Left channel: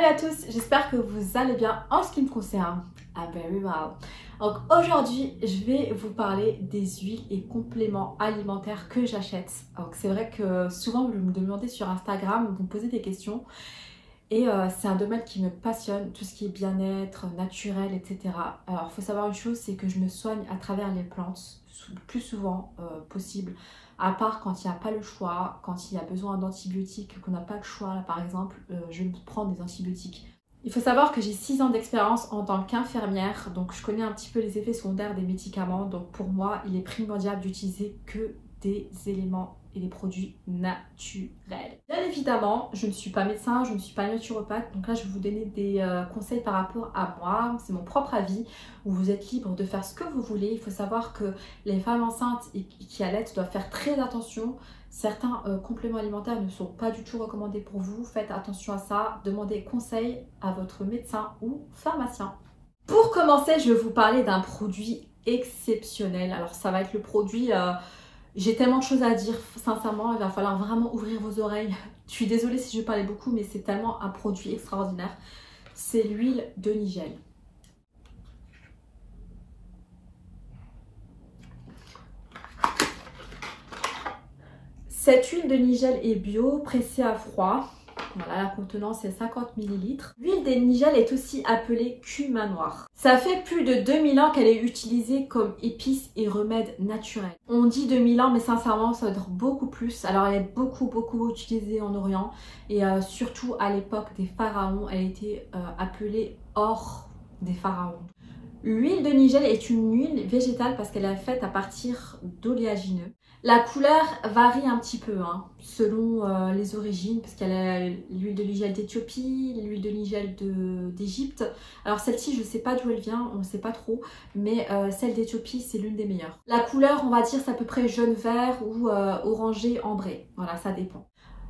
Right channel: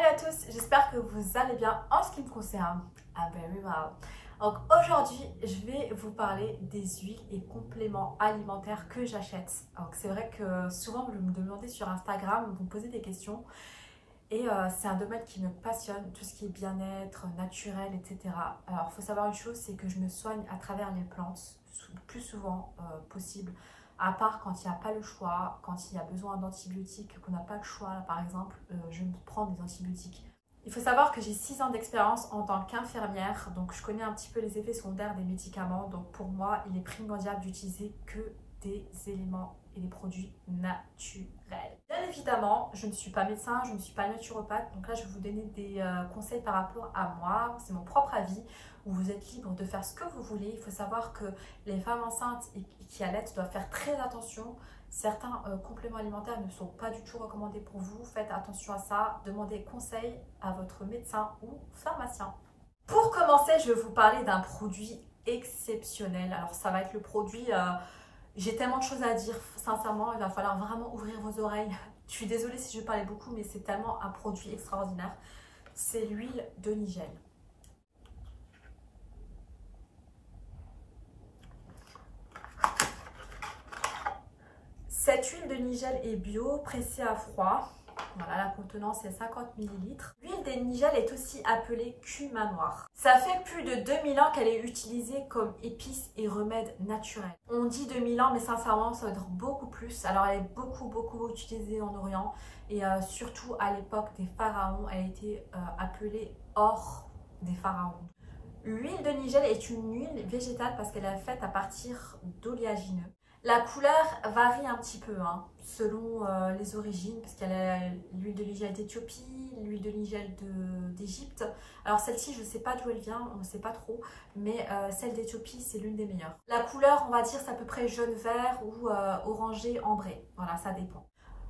Salut à tous, j'espère que vous allez bien. En ce qui me concerne, I'm very well. Donc aujourd'hui, je vais vous parler des huiles et compléments alimentaires que j'achète. Donc c'est vrai que souvent vous me demandez sur Instagram, vous me posez des questions et c'est un domaine qui me passionne, tout ce qui est bien-être, naturel, etc. Alors il faut savoir une chose, c'est que je me soigne à travers les plantes le plus souvent possible. À part quand il n'y a pas le choix, quand il y a besoin d'antibiotiques, qu'on n'a pas le choix, là, par exemple, je prends des antibiotiques. Il faut savoir que j'ai 6 ans d'expérience en tant qu'infirmière, donc je connais un petit peu les effets secondaires des médicaments. Donc pour moi, il est primordial d'utiliser que des éléments et des produits naturels. Bien évidemment, je ne suis pas médecin, je ne suis pas naturopathe, donc là je vais vous donner des conseils par rapport à moi, c'est mon propre avis, où vous êtes libre de faire ce que vous voulez. Il faut savoir que les femmes enceintes et qui allaitent doivent faire très attention. Certains compléments alimentaires ne sont pas du tout recommandés pour vous. Faites attention à ça. Demandez conseil à votre médecin ou pharmacien. Pour commencer, je vais vous parler d'un produit exceptionnel. Alors ça va être le produit... j'ai tellement de choses à dire, sincèrement, il va falloir vraiment ouvrir vos oreilles. Je suis désolée si je parlais beaucoup, mais c'est tellement un produit extraordinaire. C'est l'huile de Nigel. Cette huile de Nigel est bio, pressée à froid. Voilà, la contenance est 50 ml. L'huile de Nigel est aussi appelée cumin noir. Ça fait plus de 2000 ans qu'elle est utilisée comme épice et remède naturel. On dit 2000 ans, mais sincèrement, ça doit être beaucoup plus. Alors, elle est beaucoup utilisée en Orient. Et surtout à l'époque des pharaons, elle était appelée or des pharaons. L'huile de Nigel est une huile végétale parce qu'elle est faite à partir d'oléagineux. La couleur varie un petit peu selon les origines, parce qu'il y a l'huile de Nigel d'Éthiopie, l'huile de Nigel d'Égypte. Alors celle-ci, je ne sais pas d'où elle vient, on ne sait pas trop, mais celle d'Éthiopie, c'est l'une des meilleures. La couleur, on va dire, c'est à peu près jaune-vert ou orangé ambré. Voilà, ça dépend.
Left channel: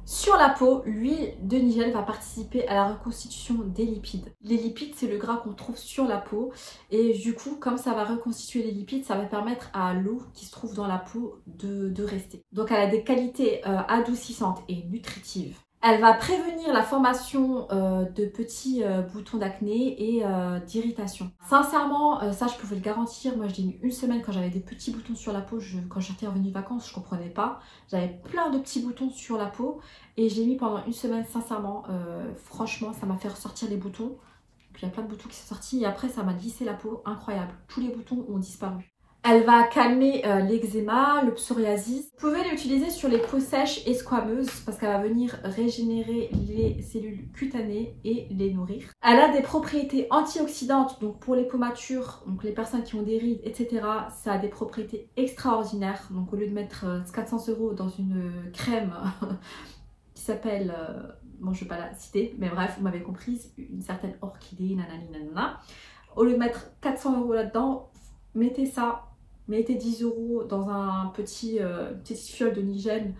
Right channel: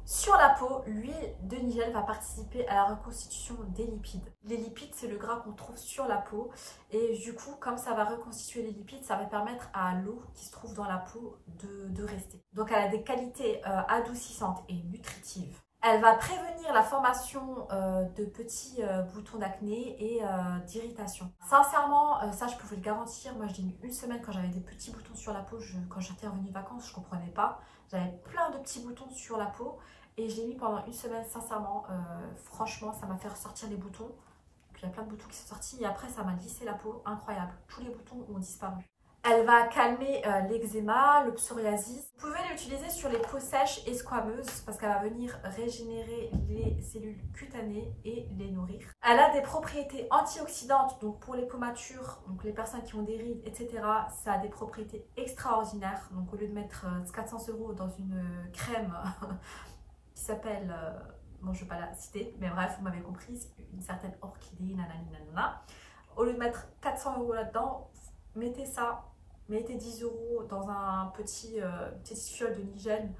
Sur la peau, l'huile de Nigel va participer à la reconstitution des lipides. Les lipides, c'est le gras qu'on trouve sur la peau. Et du coup, comme ça va reconstituer les lipides, ça va permettre à l'eau qui se trouve dans la peau de rester. Donc elle a des qualités adoucissantes et nutritives. Elle va prévenir la formation de petits boutons d'acné et d'irritation. Sincèrement, ça je peux vous le garantir. Moi je l'ai mis une semaine quand j'avais des petits boutons sur la peau. Quand j'étais revenue de vacances, je ne comprenais pas. J'avais plein de petits boutons sur la peau et j'ai mis pendant une semaine, sincèrement, franchement, ça m'a fait ressortir les boutons. Donc, il y a plein de boutons qui sont sortis et après ça m'a lissé la peau, incroyable. Tous les boutons ont disparu. Elle va calmer l'eczéma, le psoriasis. Vous pouvez l'utiliser sur les peaux sèches et squameuses parce qu'elle va venir régénérer les cellules cutanées et les nourrir. Elle a des propriétés antioxydantes, donc pour les peaux matures, donc les personnes qui ont des rides, etc. Ça a des propriétés extraordinaires. Donc au lieu de mettre 400 € dans une crème qui s'appelle, bon je ne vais pas la citer, mais bref, vous m'avez comprise, une certaine orchidée, nanani nanana. Au lieu de mettre 400 € là-dedans, mettez ça. Mettez 10 € dans un petite fiole de Nigel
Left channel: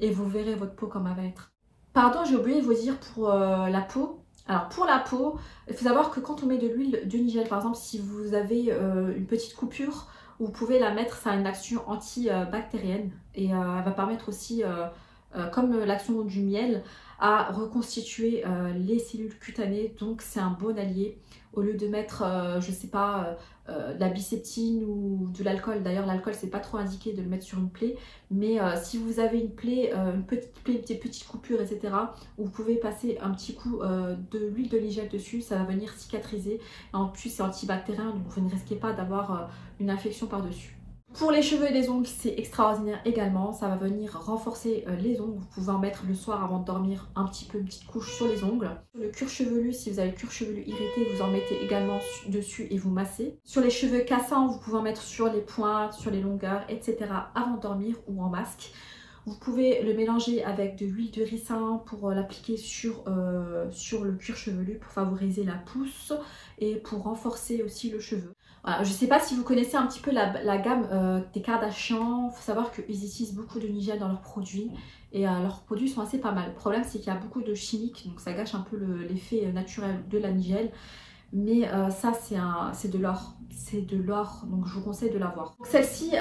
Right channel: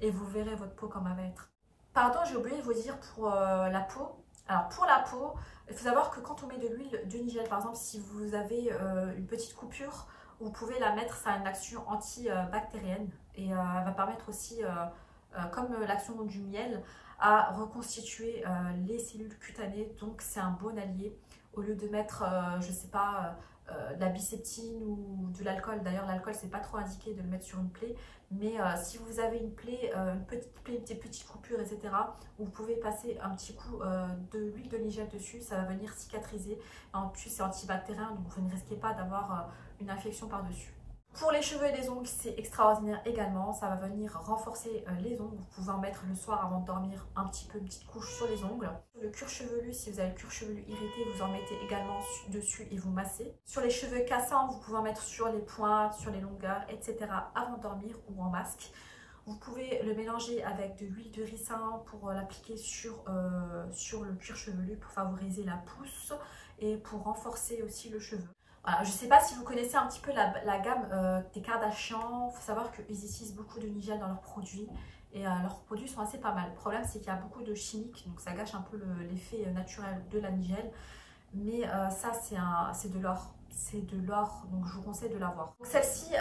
et vous verrez votre peau comme elle va être. Pardon, j'ai oublié de vous dire pour la peau. Alors pour la peau, il faut savoir que quand on met de l'huile de Nigel, par exemple, si vous avez une petite coupure, vous pouvez la mettre, ça a une action antibactérienne et elle va permettre aussi, comme l'action du miel, à reconstituer les cellules cutanées. Donc c'est un bon allié. Au lieu de mettre, je sais pas, de la biceptine ou de l'alcool. D'ailleurs, l'alcool, c'est pas trop indiqué de le mettre sur une plaie. Mais si vous avez une plaie, une petite plaie, des petites coupures, etc., vous pouvez passer un petit coup de l'huile de Nigel dessus. Ça va venir cicatriser. En plus, c'est antibactérien, donc vous ne risquez pas d'avoir une infection par-dessus. Pour les cheveux et les ongles, c'est extraordinaire également. Ça va venir renforcer les ongles. Vous pouvez en mettre le soir avant de dormir un petit peu, une petite couche sur les ongles. Sur le cuir chevelu, si vous avez le cuir chevelu irrité, vous en mettez également dessus et vous massez. Sur les cheveux cassants, vous pouvez en mettre sur les pointes, sur les longueurs, etc. avant de dormir ou en masque. Vous pouvez le mélanger avec de l'huile de ricin pour l'appliquer sur le cuir chevelu pour favoriser la pousse et pour renforcer aussi le cheveu. Voilà, je ne sais pas si vous connaissez un petit peu la gamme des Kardashian. Il faut savoir qu'ils utilisent beaucoup de Nigel dans leurs produits et leurs produits sont assez pas mal. Le problème, c'est qu'il y a beaucoup de chimiques, donc ça gâche un peu l'effet naturel de la Nigel. Mais ça, c'est de l'or. C'est de l'or, donc je vous conseille de l'avoir. Celle-ci,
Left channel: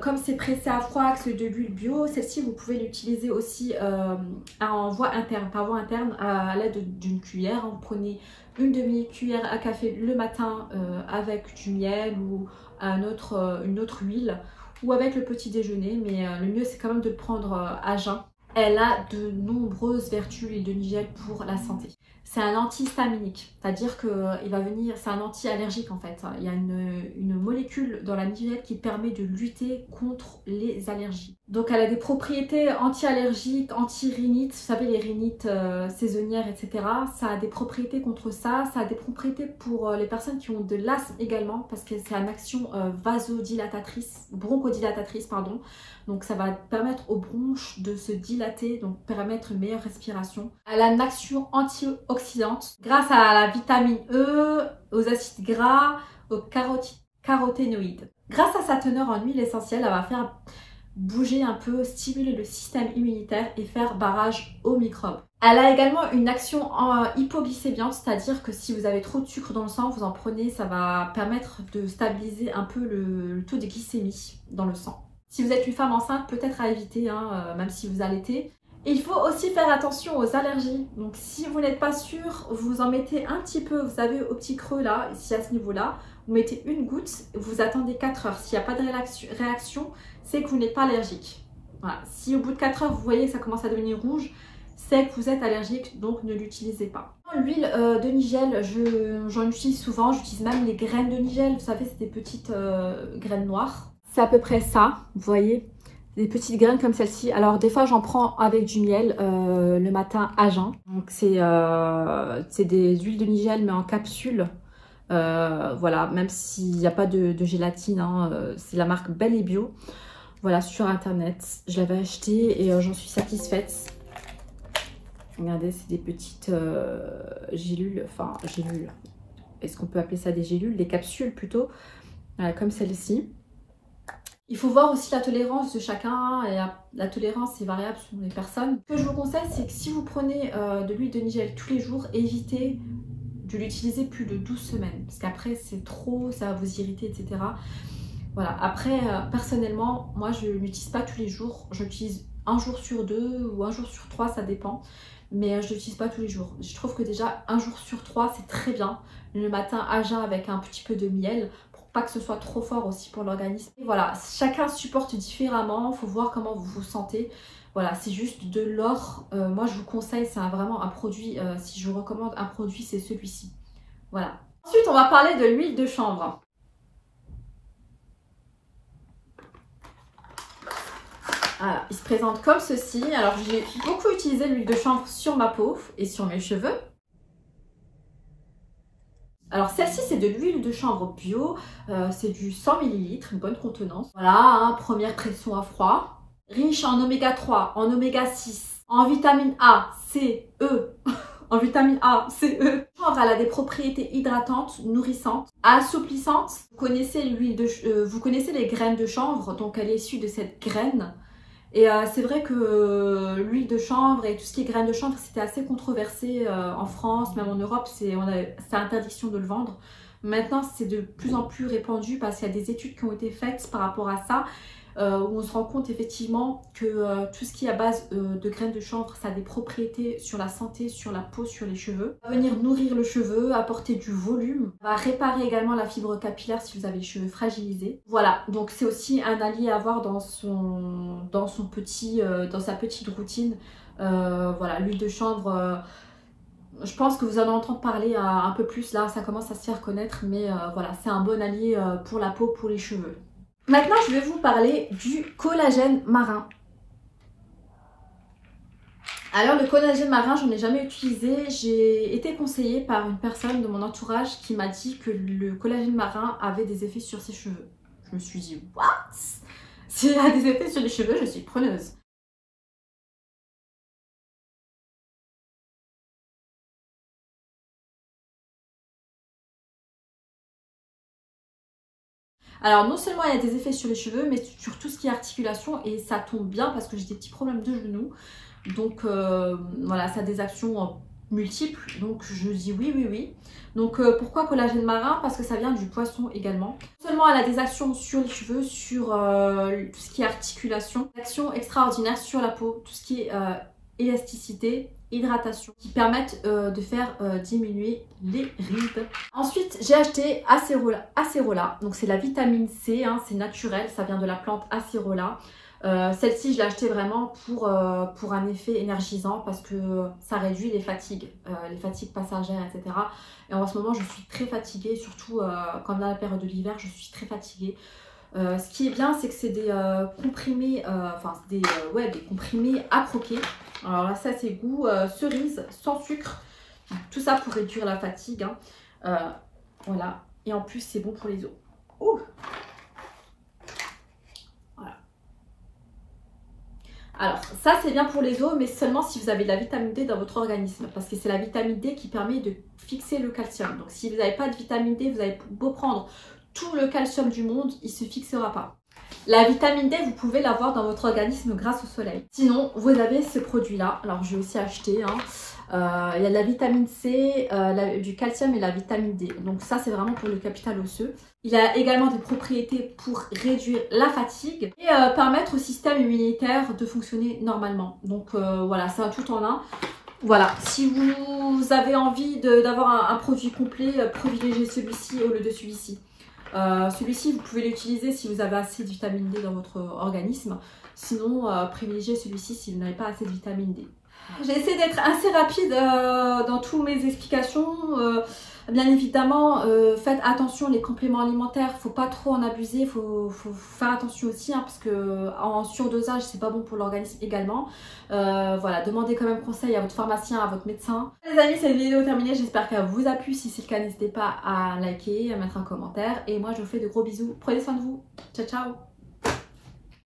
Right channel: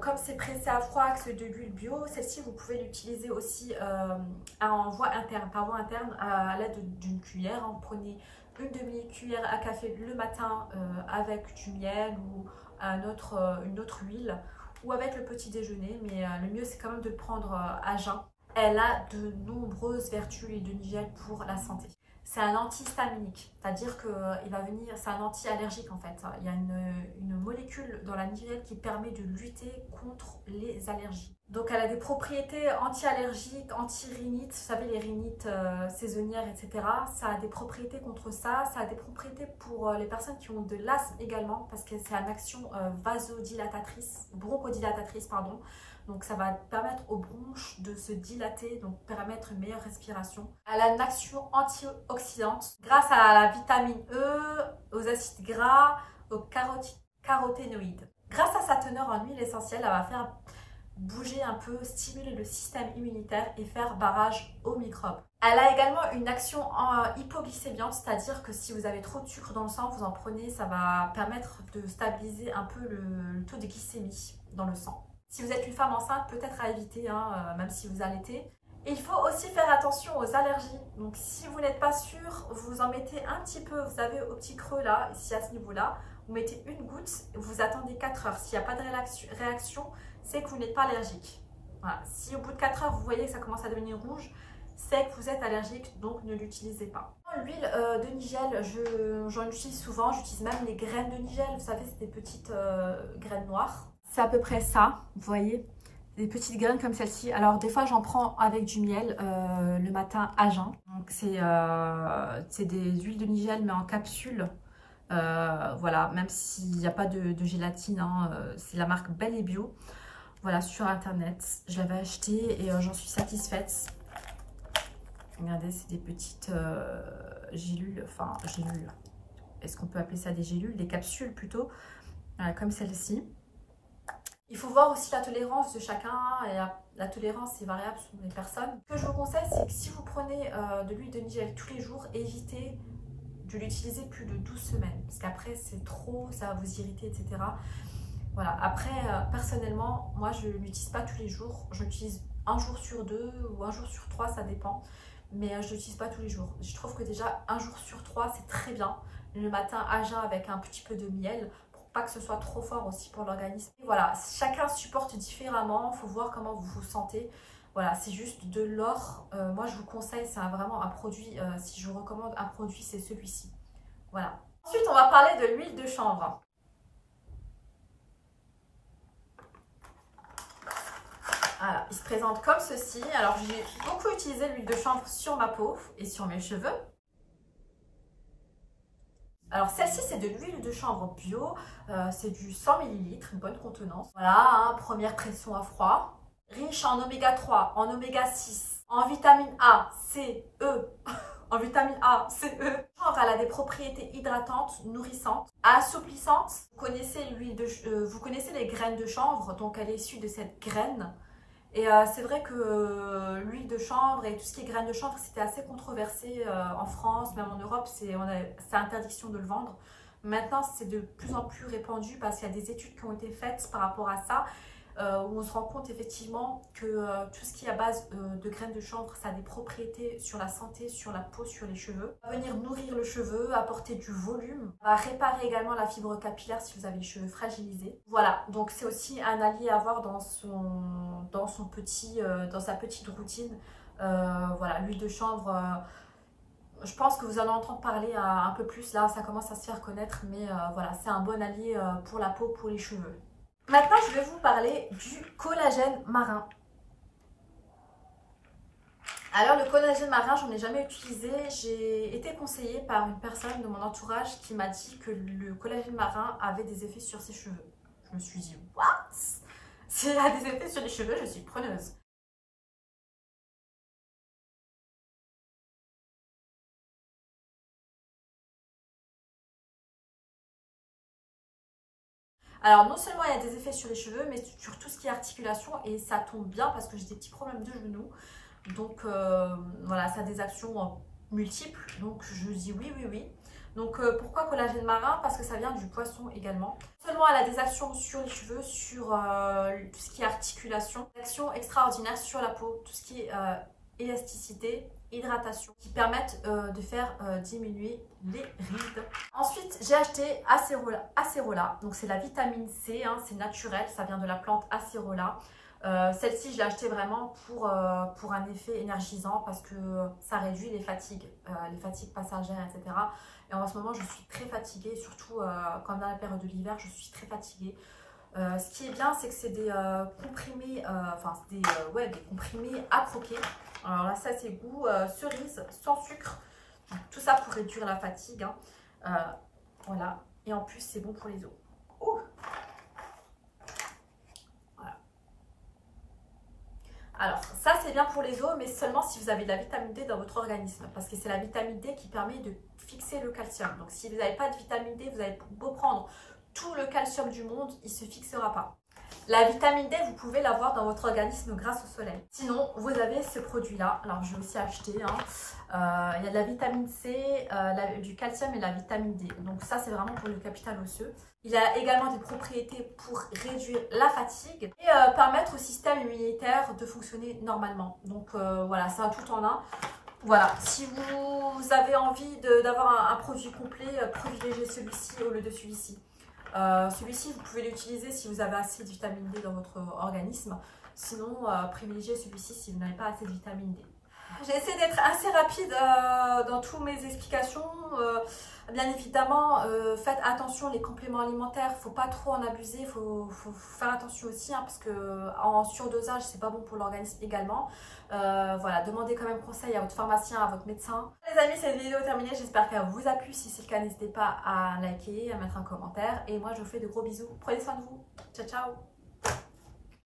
comme c'est pressé à froid, que c'est de l'huile bio, celle-ci vous pouvez l'utiliser aussi en voie interne, par voie interne, à l'aide d'une cuillère. Vous prenez une demi-cuillère à café le matin avec du miel ou une autre huile, ou avec le petit déjeuner, mais le mieux c'est quand même de le prendre à jeun. Elle a de nombreuses vertus, l'huile de nigel, pour la santé. C'est un antihistaminique, c'est-à-dire que il va venir, c'est un anti-allergique en fait. Il y a une molécule dans la nigelle qui permet de lutter contre les allergies. Donc elle a des propriétés anti-allergiques, anti-rhinites, vous savez les rhinites saisonnières, etc. Ça a des propriétés contre ça, ça a des propriétés pour les personnes qui ont de l'asthme également, parce que c'est une action vasodilatatrice, bronchodilatatrice, pardon. Donc ça va permettre aux bronches de se dilater, donc permettre une meilleure respiration. Elle a une action antioxydante grâce à la vitamine E, aux acides gras, aux caroténoïdes. Grâce à sa teneur en huile essentielle, elle va faire bouger un peu, stimuler le système immunitaire et faire barrage aux microbes. Elle a également une action hypoglycémiante, c'est-à-dire que si vous avez trop de sucre dans le sang, vous en prenez, ça va permettre de stabiliser un peu le taux de glycémie dans le sang. Si vous êtes une femme enceinte, peut-être à éviter, même si vous allaitez. Et il faut aussi faire attention aux allergies. Donc si vous n'êtes pas sûr, vous en mettez un petit peu, vous savez, au petit creux là, ici à ce niveau-là. Vous mettez une goutte, vous attendez 4 heures. S'il n'y a pas de réaction, c'est que vous n'êtes pas allergique. Voilà. Si au bout de 4 heures, vous voyez que ça commence à devenir rouge, c'est que vous êtes allergique, donc ne l'utilisez pas. L'huile de nigel, j'en utilise souvent. J'utilise même les graines de nigel. Vous savez, c'est des petites graines noires. C'est à peu près ça, vous voyez, des petites graines comme celle-ci. Alors des fois j'en prends avec du miel le matin à jeun. Donc c'est des huiles de nigel mais en capsule. Voilà, même s'il n'y a pas de gélatine, hein, c'est la marque Belle et Bio. Voilà, sur internet. Je l'avais acheté et j'en suis satisfaite. Regardez, c'est des petites gélules, enfin gélules. Est-ce qu'on peut appeler ça des gélules? Des capsules plutôt, comme celle-ci. Il faut voir aussi la tolérance de chacun et la tolérance est variable selon les personnes. Ce que je vous conseille, c'est que si vous prenez de l'huile de nigel tous les jours, évitez de l'utiliser plus de 12 semaines parce qu'après c'est trop, ça va vous irriter, etc. Voilà, après personnellement, moi je l'utilise pas tous les jours, j'utilise un jour sur 2 ou un jour sur 3, ça dépend. Mais je ne l'utilise pas tous les jours. Je trouve que déjà un jour sur 3 c'est très bien. Le matin à jeun avec un petit peu de miel. Pas que ce soit trop fort aussi pour l'organisme. Voilà, chacun supporte différemment, il faut voir comment vous vous sentez. Voilà, c'est juste de l'or. Moi, je vous conseille, c'est vraiment un produit, si je vous recommande un produit, c'est celui-ci. Voilà. Ensuite, on va parler de l'huile de chanvre. Voilà, il se présente comme ceci. Alors, j'ai beaucoup utilisé l'huile de chanvre sur ma peau et sur mes cheveux. Alors celle-ci c'est de l'huile de chanvre bio, c'est du 100 ml, une bonne contenance. Voilà, hein, première pression à froid. Riche en oméga 3, en oméga 6, en vitamine A, C, E. En vitamine A, C, E. Elle a des propriétés hydratantes, nourrissantes, assouplissantes. Vous connaissez vous connaissez les graines de chanvre, donc elle est issue de cette graine. Et c'est vrai que l'huile de chanvre et tout ce qui est graines de chanvre, c'était assez controversé en France, même en Europe, c'est interdiction de le vendre. Maintenant, c'est de plus en plus répandu parce qu'il y a des études qui ont été faites par rapport à ça, où on se rend compte effectivement que tout ce qui est à base de graines de chanvre, ça a des propriétés sur la santé, sur la peau, sur les cheveux. Ça va venir nourrir le cheveu, apporter du volume, ça va réparer également la fibre capillaire si vous avez les cheveux fragilisés. Voilà, donc c'est aussi un allié à avoir dans sa petite routine. Voilà, l'huile de chanvre... je pense que vous en entendez parler un peu plus, là ça commence à se faire connaître, mais voilà, c'est un bon allié pour la peau, pour les cheveux. Maintenant, je vais vous parler du collagène marin. Alors, le collagène marin, j'en ai jamais utilisé. J'ai été conseillée par une personne de mon entourage qui m'a dit que le collagène marin avait des effets sur ses cheveux. Je me suis dit, what? S'il a des effets sur les cheveux, je suis preneuse. Alors non seulement il y a des effets sur les cheveux, mais sur tout ce qui est articulation, et ça tombe bien parce que j'ai des petits problèmes de genoux. Donc voilà, ça a des actions multiples, donc je dis oui, oui, oui. Donc pourquoi collagène marin? Parce que ça vient du poisson également. Non seulement elle a des actions sur les cheveux, sur tout ce qui est articulation, actions extraordinaires sur la peau, tout ce qui est élasticité, hydratation, qui permettent de faire diminuer les rides. Ensuite, j'ai acheté Acerola. Donc c'est la vitamine C, hein, c'est naturel, ça vient de la plante Acerola. Celle-ci, je l'ai achetée vraiment pour un effet énergisant parce que ça réduit les fatigues passagères, etc. Et en ce moment, je suis très fatiguée, surtout quand dans la période de l'hiver, je suis très fatiguée. Ce qui est bien, c'est que c'est des comprimés, des comprimés à croquer. Alors là, ça c'est goût cerise, sans sucre. Tout ça pour réduire la fatigue. Hein. Voilà. Et en plus, c'est bon pour les os. Ouh. Voilà. Alors, ça c'est bien pour les os, mais seulement si vous avez de la vitamine D dans votre organisme. Parce que c'est la vitamine D qui permet de fixer le calcium. Donc si vous n'avez pas de vitamine D, vous avez beau prendre tout le calcium du monde, il ne se fixera pas. La vitamine D, vous pouvez l'avoir dans votre organisme grâce au soleil. Sinon, vous avez ce produit-là. Alors, je vais aussi acheter. Hein. Il y a de la vitamine C, du calcium et la vitamine D. Donc ça, c'est vraiment pour le capital osseux. Il a également des propriétés pour réduire la fatigue et permettre au système immunitaire de fonctionner normalement. Donc voilà, c'est un tout en un. Voilà, si vous avez envie d'avoir un produit complet, privilégiez celui-ci au lieu de celui-ci. Celui-ci, vous pouvez l'utiliser si vous avez assez de vitamine D dans votre organisme. Sinon, privilégiez celui-ci si vous n'avez pas assez de vitamine D. J'ai essayé d'être assez rapide dans toutes mes explications. Bien évidemment, faites attention les compléments alimentaires, faut pas trop en abuser, faut faire attention aussi hein, parce que en surdosage c'est pas bon pour l'organisme également. Voilà, demandez quand même conseil à votre pharmacien, à votre médecin. Les amis, cette vidéo est terminée, j'espère qu'elle vous a plu. Si c'est le cas, n'hésitez pas à liker, à mettre un commentaire et moi je vous fais de gros bisous. Prenez soin de vous, ciao ciao.